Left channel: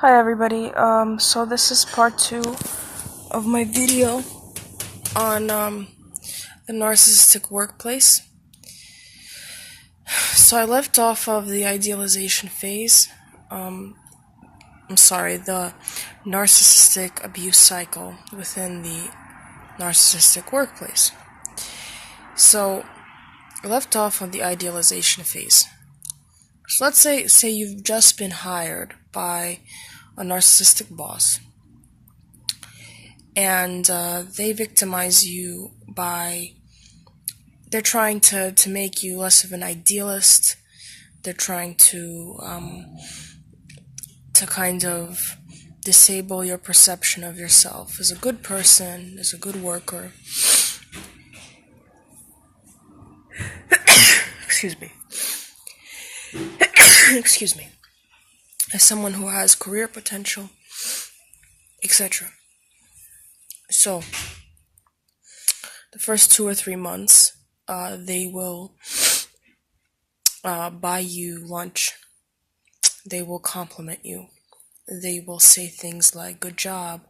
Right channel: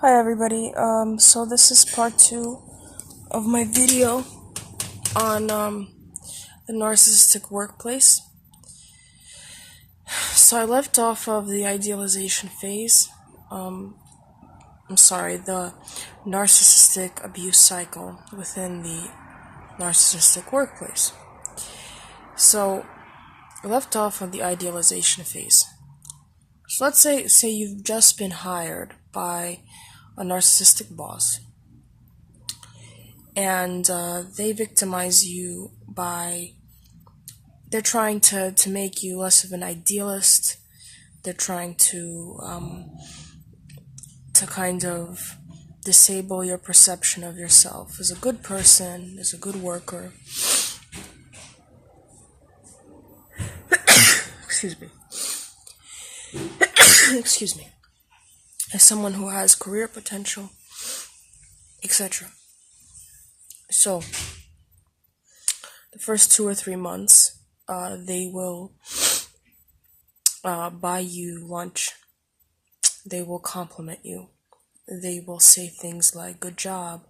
Hi everybody, so this is part 2 of my video on the narcissistic workplace. So I left off of the idealization phase, the narcissistic abuse cycle within the narcissistic workplace. So I left off on the idealization phase. So let's say you've just been hired by a narcissistic boss, and they victimize you by they're trying to make you less of an idealist. They're trying to kind of disable your perception of yourself as a good person, as a good worker. Excuse me. Excuse me. As someone who has career potential, etc. So, the first 2 or 3 months, they will buy you lunch. They will compliment you. They will say things like, good job,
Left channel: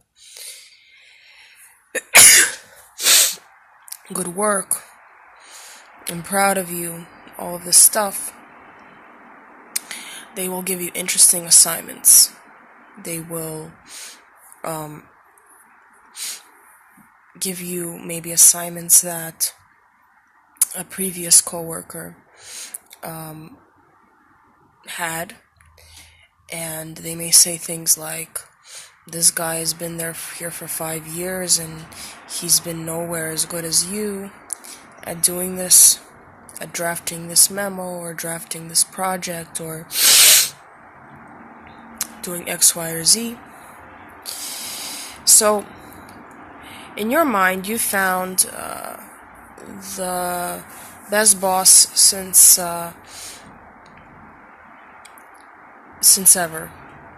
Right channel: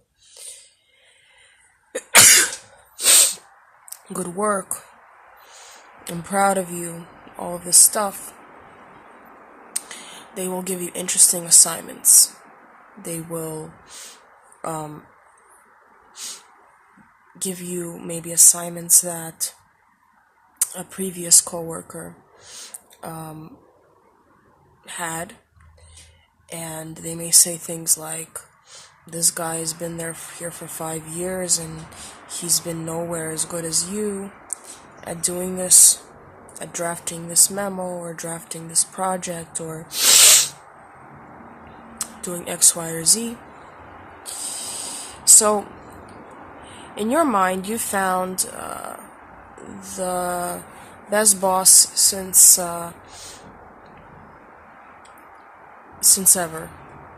good work, I'm proud of you, all of this stuff. They will give you interesting assignments. They will give you maybe assignments that a previous coworker had, and they may say things like, this guy has been here for 5 years and he's been nowhere as good as you at doing this, at drafting this memo or drafting this project or doing X, Y, or Z. So, in your mind, you found the best boss since ever.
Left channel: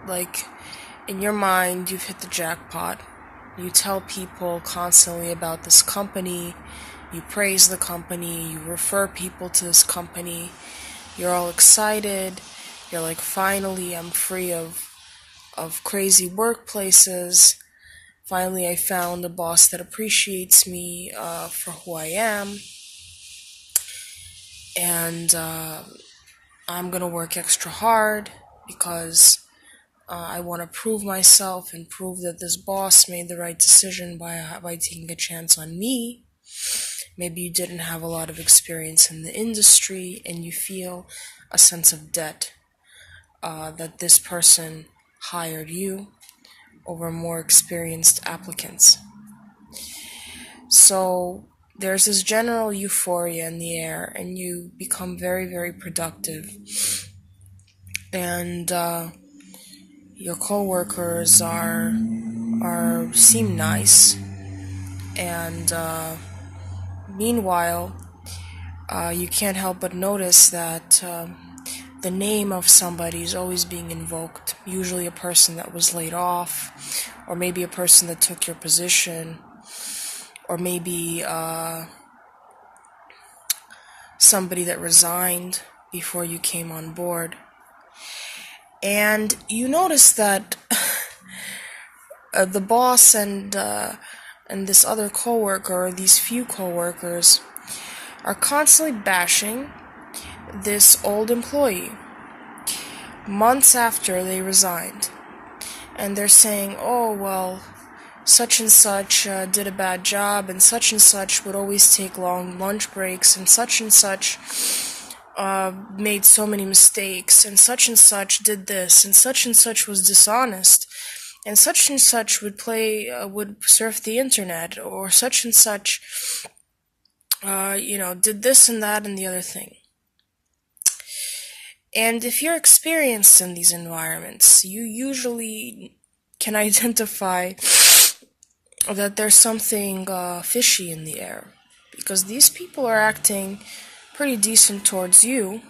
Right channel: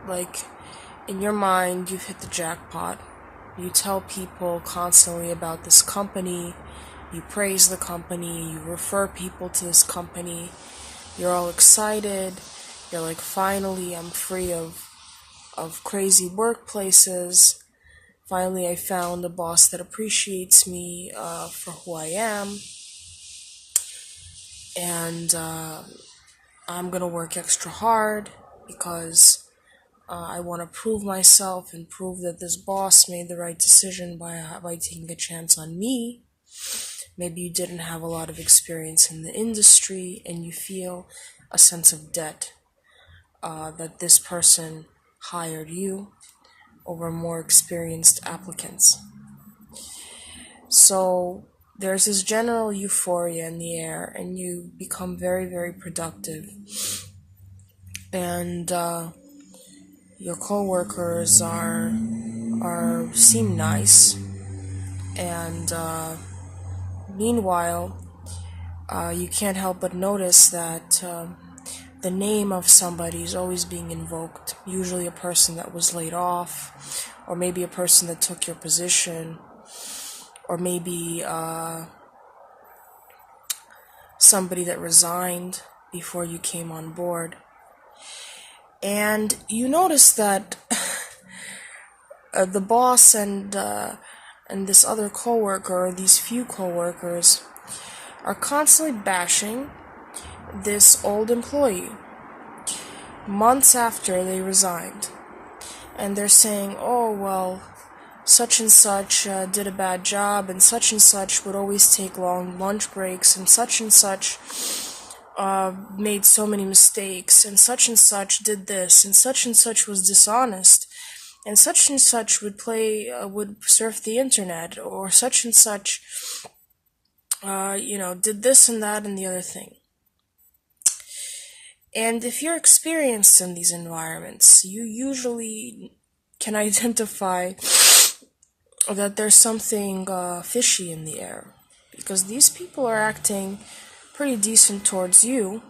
Like, in your mind, you've hit the jackpot. You tell people constantly about this company. You praise the company. You refer people to this company. You're all excited. You're like, finally, I'm free of crazy workplaces. Finally, I found a boss that appreciates me for who I am. And I'm going to work extra hard because I want to prove myself and prove that this boss made the right decision by taking a chance on me. Maybe you didn't have a lot of experience in the industry and you feel a sense of debt that this person hired you over more experienced applicants. So there's this general euphoria in the air, and you become very, very productive. And your coworkers seem nice, and meanwhile, you can't help but notice that the name of somebody is always being invoked. Usually a person that was laid off, or maybe a person that took your position, or maybe somebody that resigned before you came on board. And you notice that the boss and this other coworker, or these few coworkers, are constantly bashing this old employee months after they resigned. And they're saying, oh, well, such and such did a bad job, and such would always take long lunch breaks, and such made so many mistakes, and such did this, and such was dishonest, and such would surf the internet, or such did this and that and the other thing. And if you're experienced in these environments, you usually can identify that there's something fishy in the air, because these people are acting pretty decent towards you,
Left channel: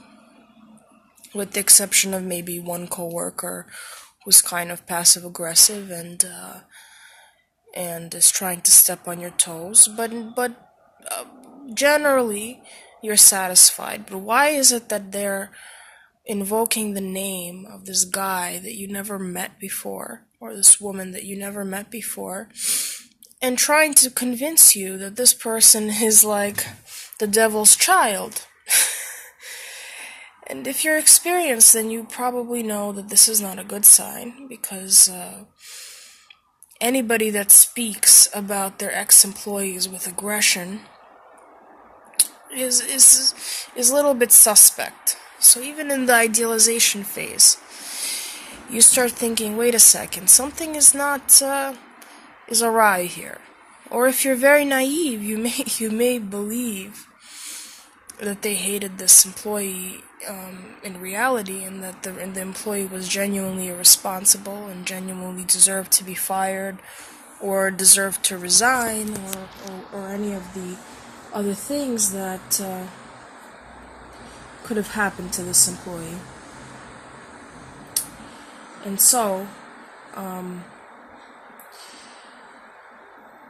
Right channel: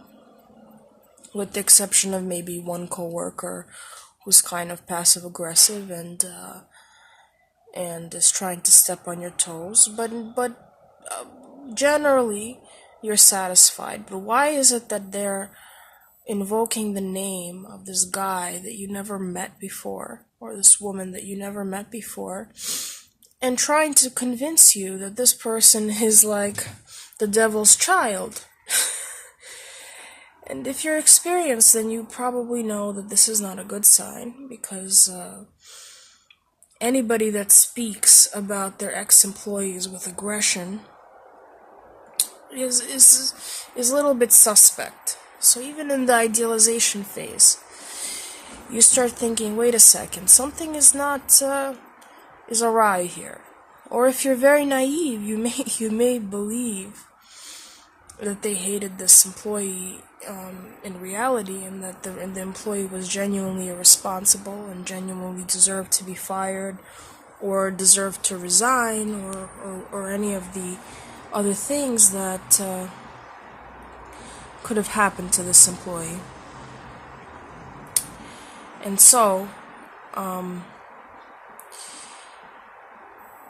with the exception of maybe one coworker who's kind of passive-aggressive and is trying to step on your toes, but generally you're satisfied. But why is it that they're invoking the name of this guy that you never met before, or this woman that you never met before, and trying to convince you that this person is like the devil's child. And if you're experienced, then you probably know that this is not a good sign, because anybody that speaks about their ex-employees with aggression is a little bit suspect. So even in the idealization phase, you start thinking, wait a second, something is not is awry here. Or if you're very naive, you may believe that they hated this employee in reality, and that the employee was genuinely irresponsible and genuinely deserved to be fired, or deserved to resign, or any of the other things that could have happened to this employee. And so,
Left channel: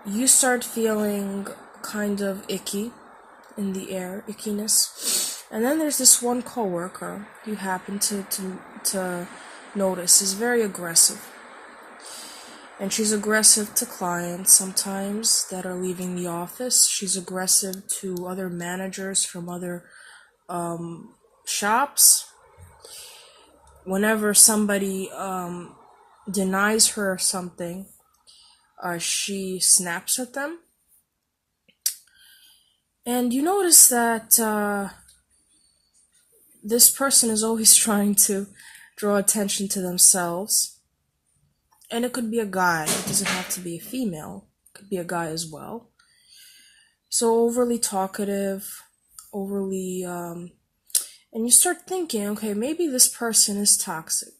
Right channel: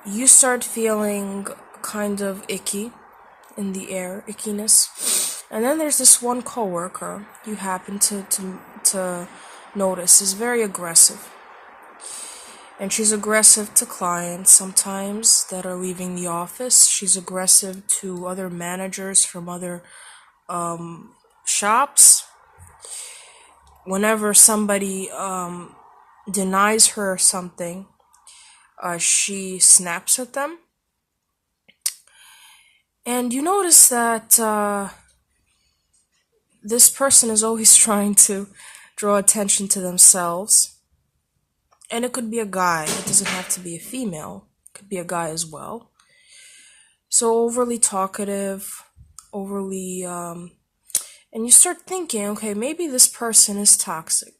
you start feeling kind of icky in the air, ickiness. And then there's this one coworker you happen to notice is very aggressive. And she's aggressive to clients sometimes that are leaving the office. She's aggressive to other managers from other shops. Whenever somebody denies her something, she snaps at them. And you notice that this person is always trying to draw attention to themselves. And it could be a guy. It doesn't have to be a female. It could be a guy as well. So overly talkative, overly... and you start thinking, okay, maybe this person is toxic.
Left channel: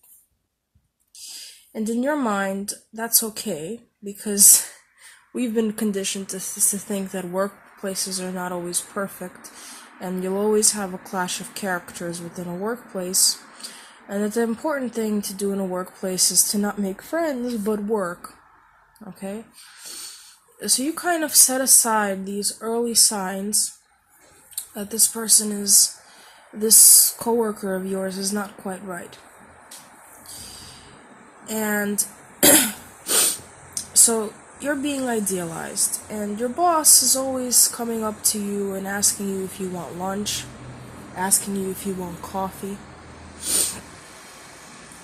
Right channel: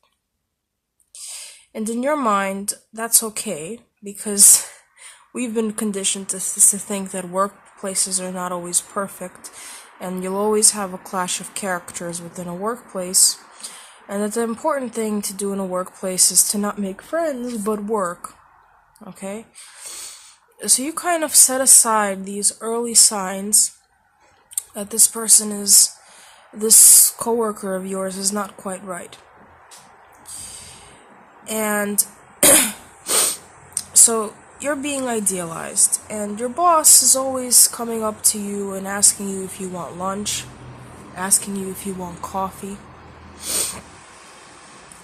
And in your mind, that's okay, because we've been conditioned to think that workplaces are not always perfect, and you'll always have a clash of characters within a workplace, and that the important thing to do in a workplace is to not make friends, but work, okay? So you kind of set aside these early signs that this coworker of yours is not quite right. And so you're being idealized, and your boss is always coming up to you and asking you if you want lunch, asking you if you want coffee,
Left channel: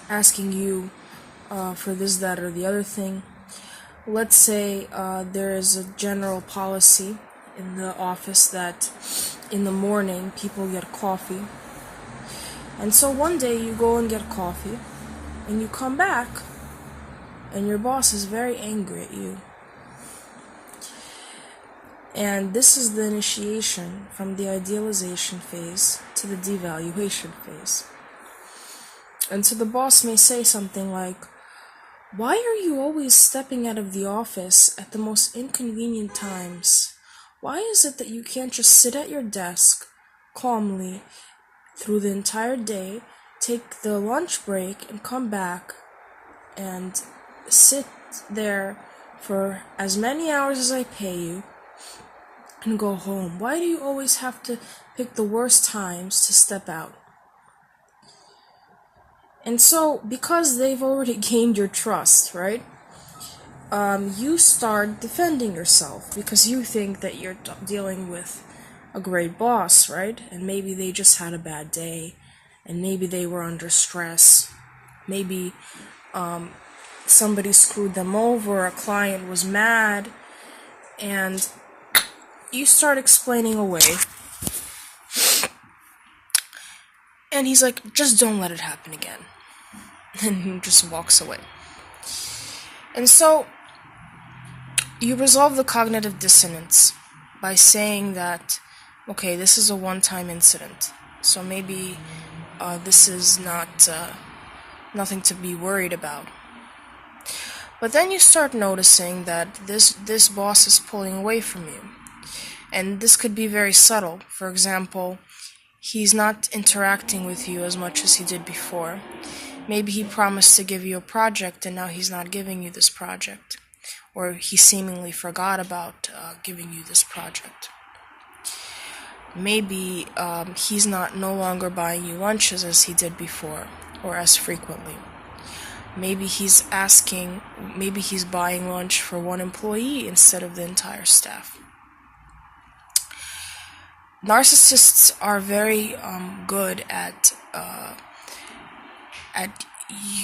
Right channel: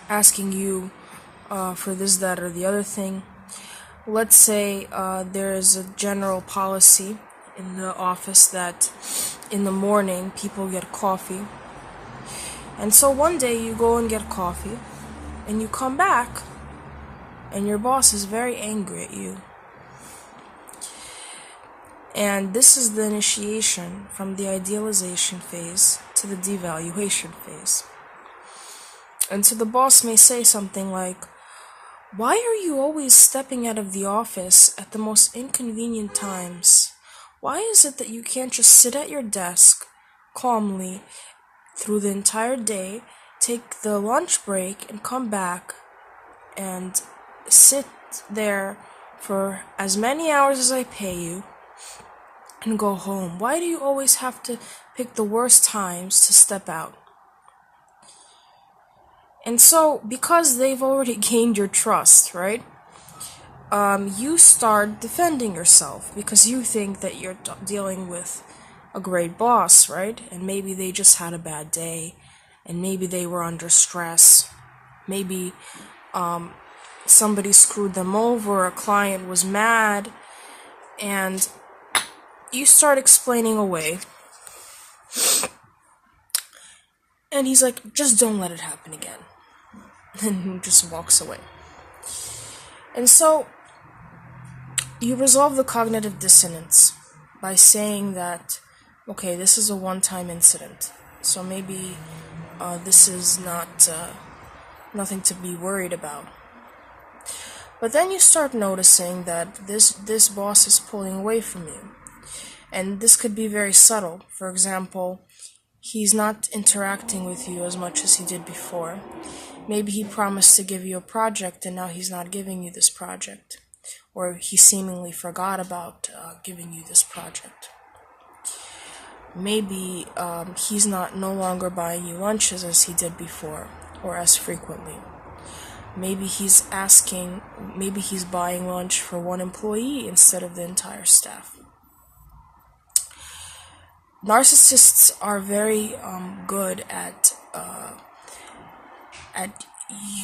asking you for this, that, or the other thing. Let's say there is a general policy in the office that in the morning people get coffee. And so one day you go and get coffee, and you come back, and your boss is very angry at you. And this is the initiation from the idealization phase to the devaluation phase. And so the boss may say something like, "Why are you always stepping out of the office at the most inconvenient times? Why is it that you can't just sit at your desk calmly through the entire day, take the lunch break, and come back and sit there for as many hours as I pay you and go home? Why do you always have to pick the worst times to step out?" And so, because they've already gained your trust, right? You start defending yourself because you think that you're dealing with a great boss, right? And maybe they just had a bad day, and maybe they were under stress. Maybe somebody screwed them over, a client was mad, and you start explaining away. And he's like, "Just don't let it happen again." And he just walks away. And so you resolve the cognitive dissonance by saying that, okay, this is a one-time incident, so maybe this is not nothing to be worried about. But then you start noticing that this boss is pulling away from you. And this could be very subtle. For example, he's not interacting with you as much as he did before. Maybe he promised to give you a project, and now he's not giving you this project. Or he seemingly forgot about giving you this project. Maybe he's no longer buying you lunches as he did before, or as frequently. Maybe he's buying lunch for one employee instead of the entire staff. Narcissists are very good at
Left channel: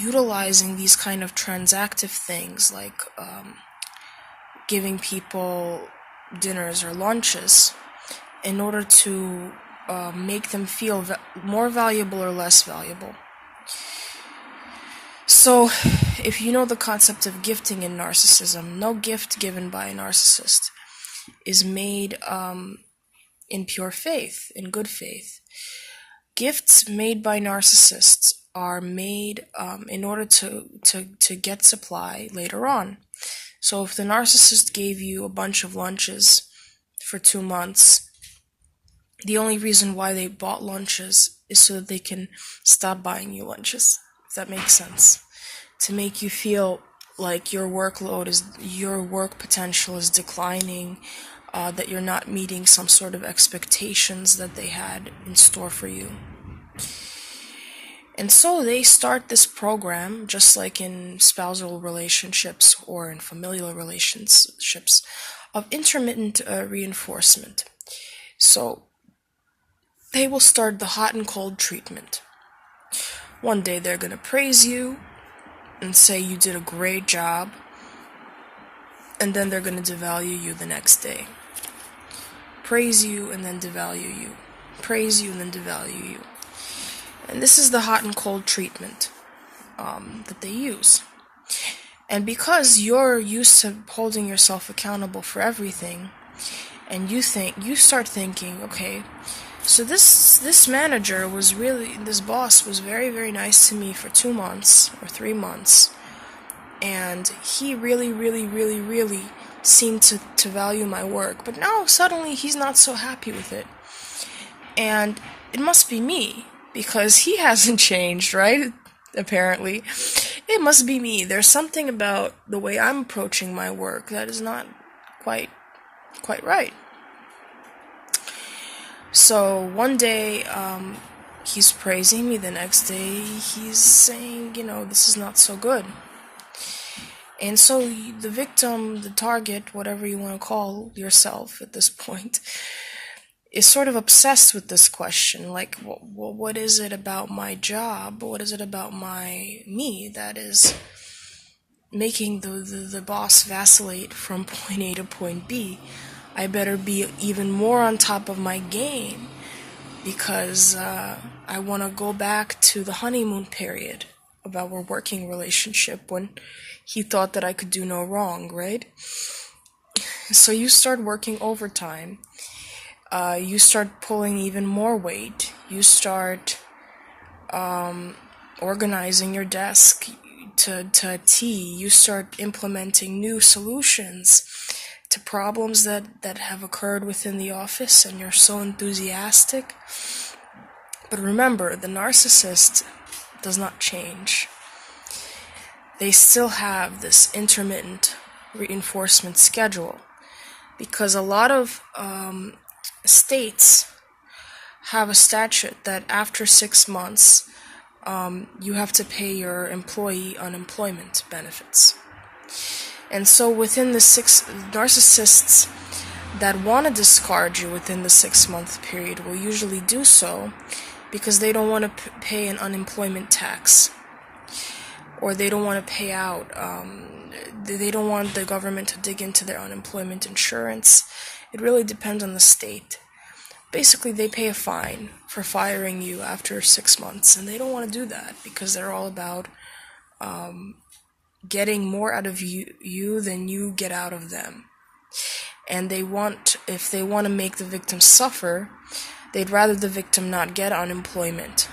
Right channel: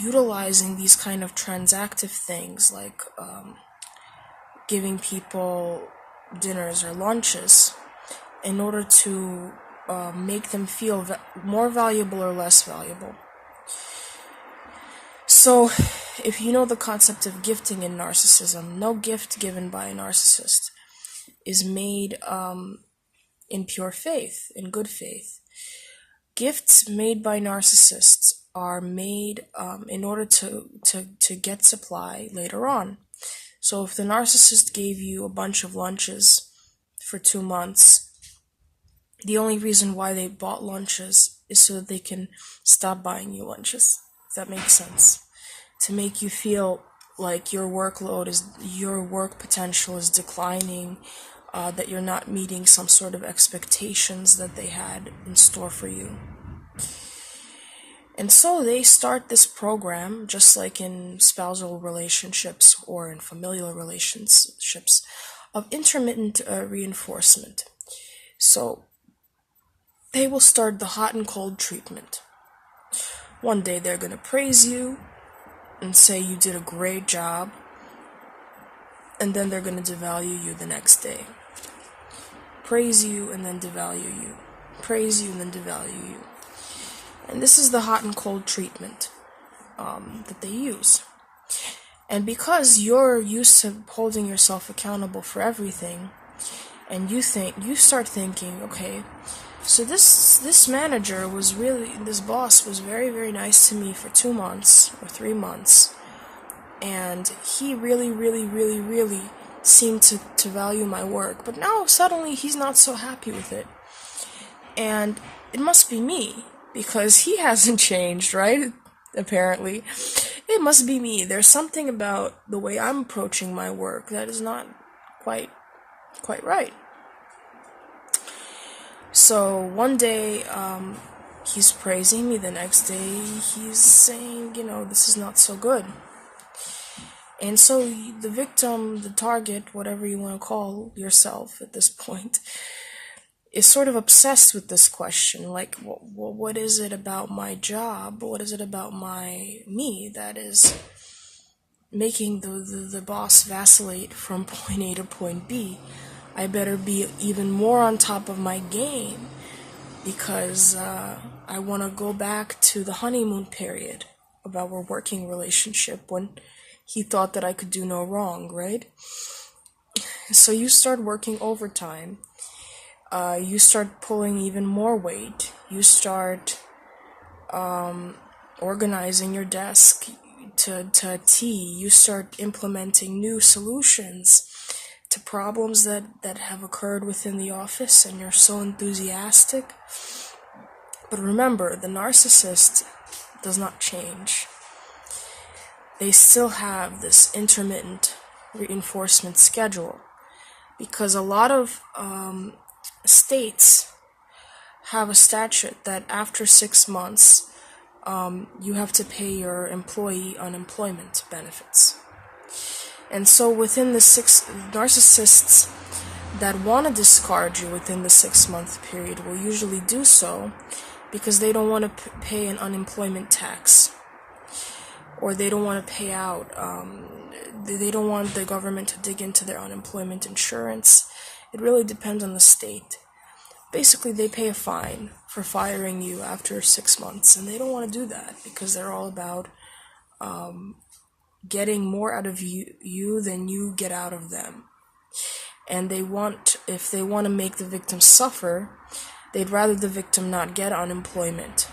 utilizing these kind of transactive things, like giving people dinners or lunches, in order to make them feel more valuable or less valuable. So, if you know the concept of gifting in narcissism, no gift given by a narcissist is made in pure faith, in good faith. Gifts made by narcissists are made in order to get supply later on. So if the narcissist gave you a bunch of lunches for 2 months, the only reason why they bought lunches is so that they can stop buying you lunches, if that makes sense. To make you feel like your work potential is declining, that you're not meeting some sort of expectations that they had in store for you. And so they start this program, just like in spousal relationships or in familial relationships, of intermittent reinforcement. So they will start the hot and cold treatment. One day they're going to praise you and say you did a great job, and then they're going to devalue you the next day. Praise you and then devalue you. Praise you and then devalue you. And this is the hot and cold treatment that they use. And because you're used to holding yourself accountable for everything, and you start thinking, okay, so this boss was very, very nice to me for 2 months or 3 months, and he really, really, really, really seemed to value my work, but now suddenly he's not so happy with it. And it must be me, because he hasn't changed, right? Apparently. It must be me. There's something about the way I'm approaching my work that is not quite right. So one day, he's praising me. The next day, he's saying, this is not so good. And so the victim, the target, whatever you want to call yourself at this point, is sort of obsessed with this question, like, what is it about my job? What is it about me that is making the boss vacillate from point A to point B? I better be even more on top of my game, because I want to go back to the honeymoon period of our working relationship when he thought that I could do no wrong, right? So you start working overtime. You start pulling even more weight. You start organizing your desk to a T. You start implementing new solutions to problems that have occurred within the office, and you're so enthusiastic. But remember, the narcissist does not change. They still have this intermittent reinforcement schedule, because a lot of states have a statute that after 6 months, you have to pay your employee unemployment benefits. And so within the narcissists that want to discard you within the 6-month period will usually do so because they don't want to pay an unemployment tax, or they don't want to pay out, they don't want the government to dig into their unemployment insurance. It really depends on the state. Basically, they pay a fine for firing you after 6 months, and they don't want to do that because they're all about getting more out of you than you get out of them. And if they want to make the victim suffer, they'd rather the victim not get unemployment.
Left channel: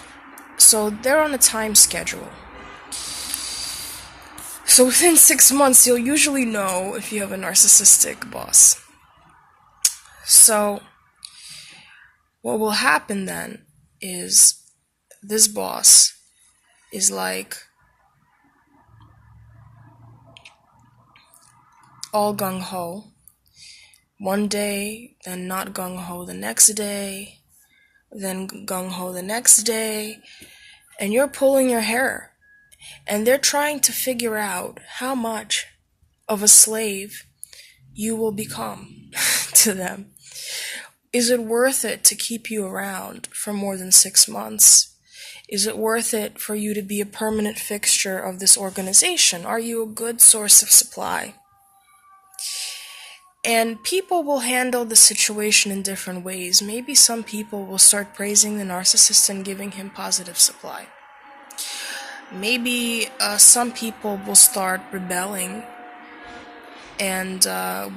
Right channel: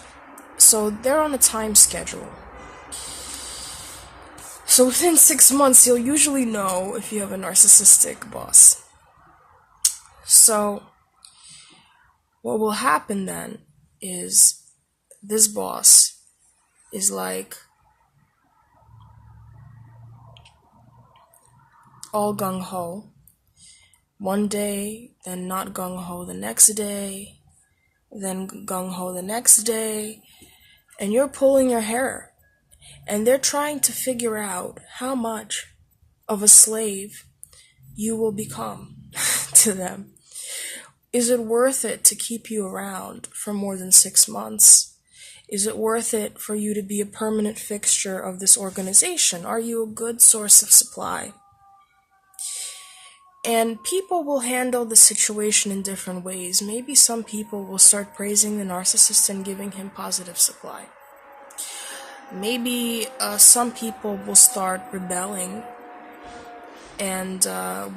So they're on a time schedule. So within 6 months, you'll usually know if you have a narcissistic boss. So what will happen then is this boss is like all gung-ho, one day, then not gung-ho the next day, then gung-ho the next day, and you're pulling your hair. And they're trying to figure out how much of a slave you will become to them. Is it worth it to keep you around for more than 6 months? Is it worth it for you to be a permanent fixture of this organization? Are you a good source of supply? And people will handle the situation in different ways. Maybe some people will start praising the narcissist and giving him positive supply. Maybe some people will start rebelling and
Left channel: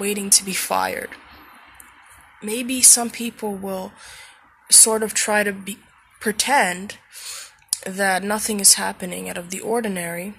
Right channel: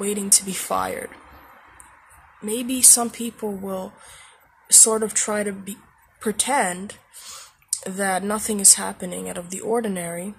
waiting to be fired. Maybe some people will sort of try to pretend that nothing is happening out of the ordinary